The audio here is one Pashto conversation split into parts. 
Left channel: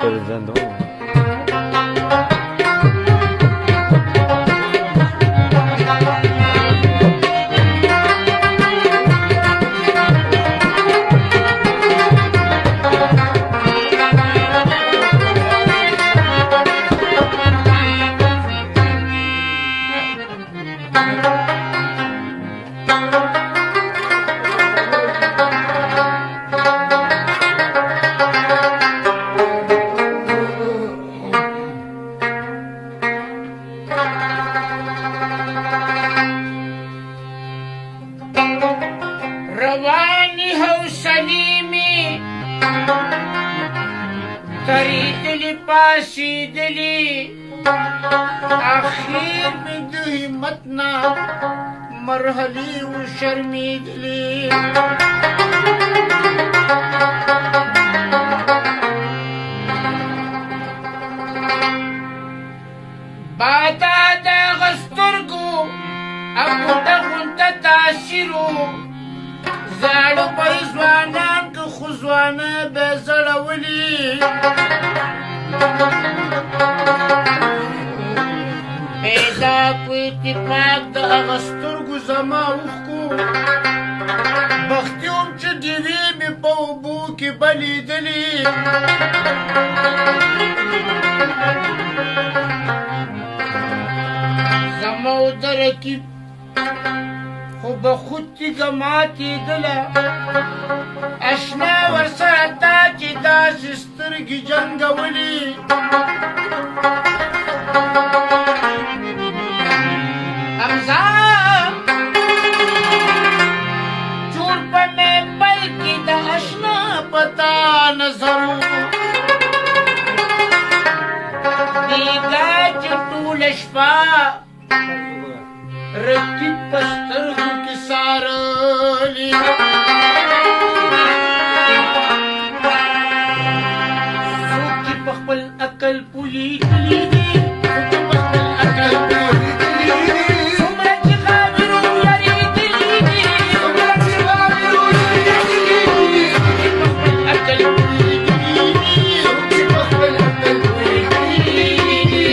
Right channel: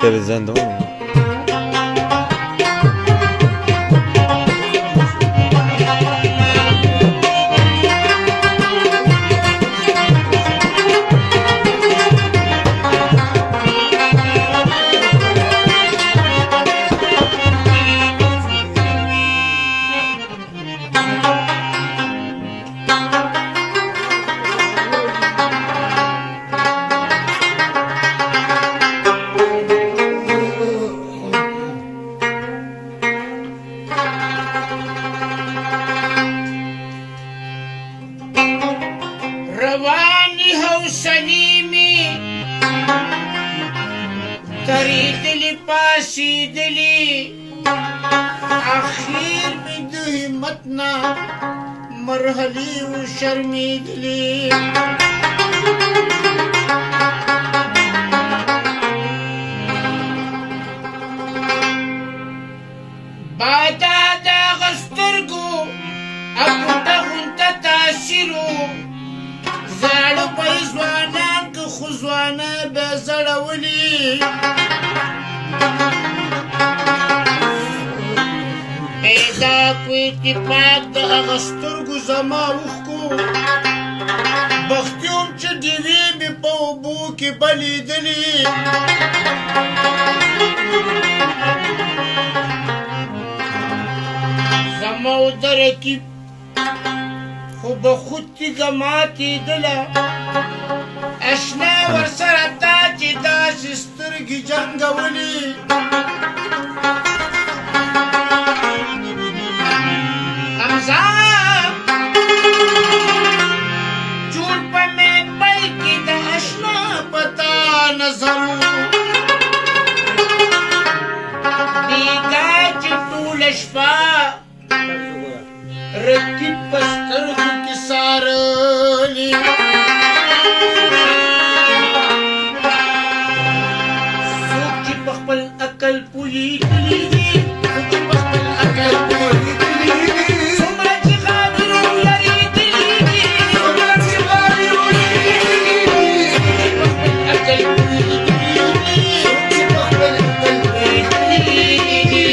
Televizyonda mı? روانی حوصلی می تریدلی پاسیدلی اخیر می د همت نه مرحلی و شرمیدلی بادا د غسترګو اګوټه غونټه تاثیرو زاړه په ځوانان که خو ځوانه به زړولي پیدا کو اتفاق د هغه سترګو زما اوښکو بختي وم چې ډیوې مې په اوبو کې بلیدلې زما و د رقیب خو به خود تیږه ماتېدله اشنا ورسره تا چې داسې سترګې جنګولې حمزه جوړ په محفل کې د اشنا په تا نظر بیګا چې ټوله شپه رقیب په سترګو کې سارلې څوک چې په خپل عقل پوهېدلي دي څوک چې په خپل عقل پوهېدلي دي څومره چې خاطر ولرېدلي دي څومره چې خاطر ولرېدلي دي څوک چې په خپل عقل پوهېدلي دي څوک چې په خپل عقل پوهېدلي دي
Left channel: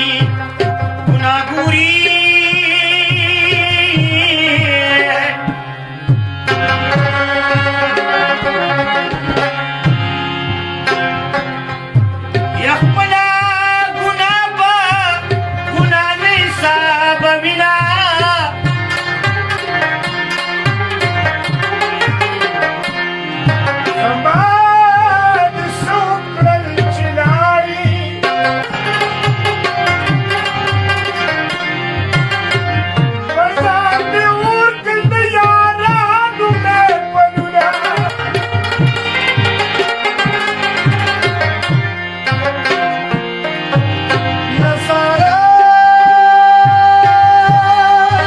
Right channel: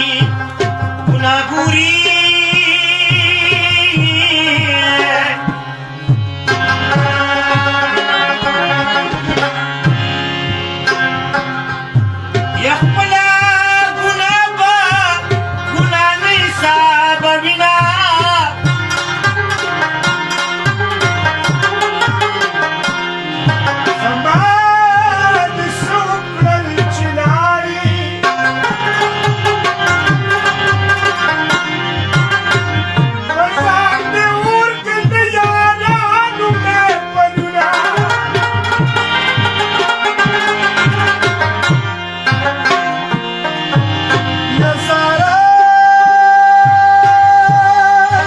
کی گناهګوري یا خپل ګناه به ګناه نه حسابوینه زما د څو کړل چې لاړې په ځان مې ورکړل د یارانو مې پلونه یا سارا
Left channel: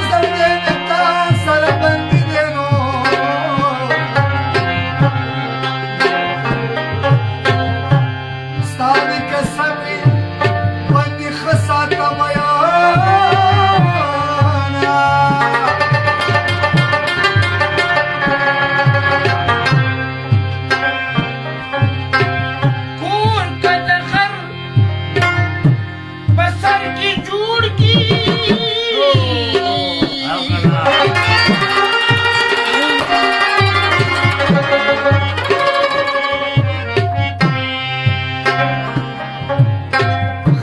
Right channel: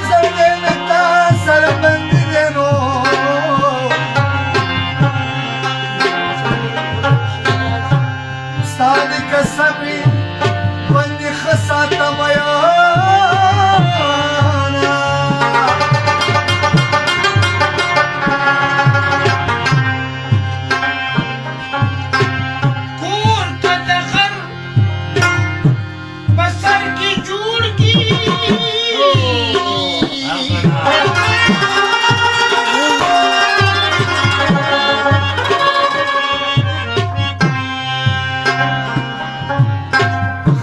زنګ تا سره بندي دی نو ستاني کسبي باندې خساته میانا کور کا د غر په سر کې جوړ کی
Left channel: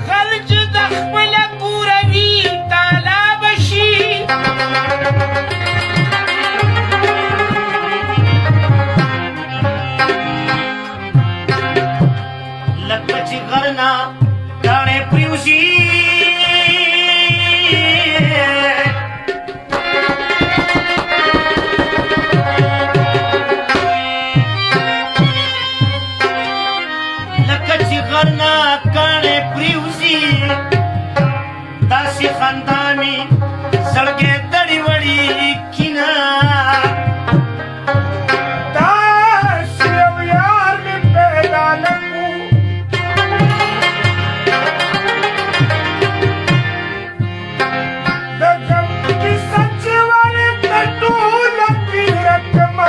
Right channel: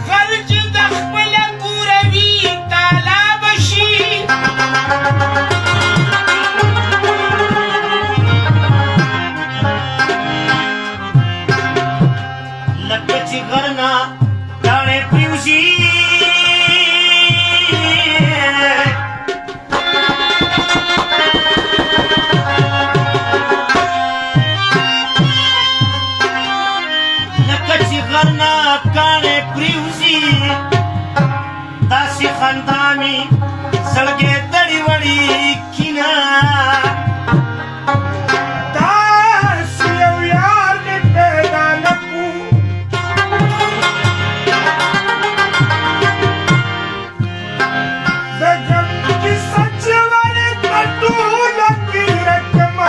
خلج د خپل کوروي تالا بشي لکه چې غرنا کاڼې پریوزي لکه چې غرنا کاڼې پریوزي داسې خندا مې زړګی دړې وړې کینه داسې یو یار مې پیدا نه کړو د غم کیسه چې ولې په ټوله تېره کړمه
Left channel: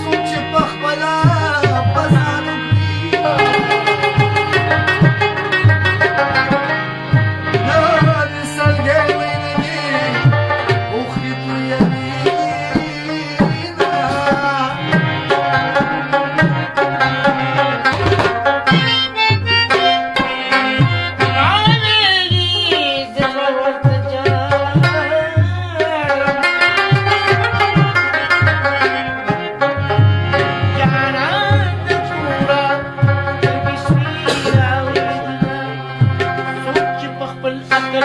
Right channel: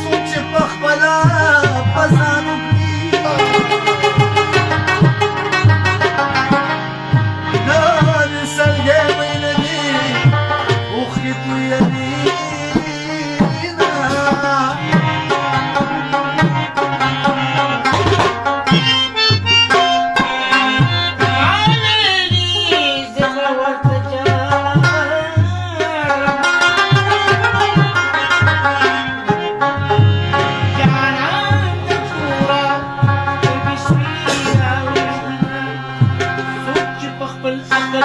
څوک چې په خپله په ځان وکړي نه د سلګۍ وینه دي اوښکې تویوي خپل عقل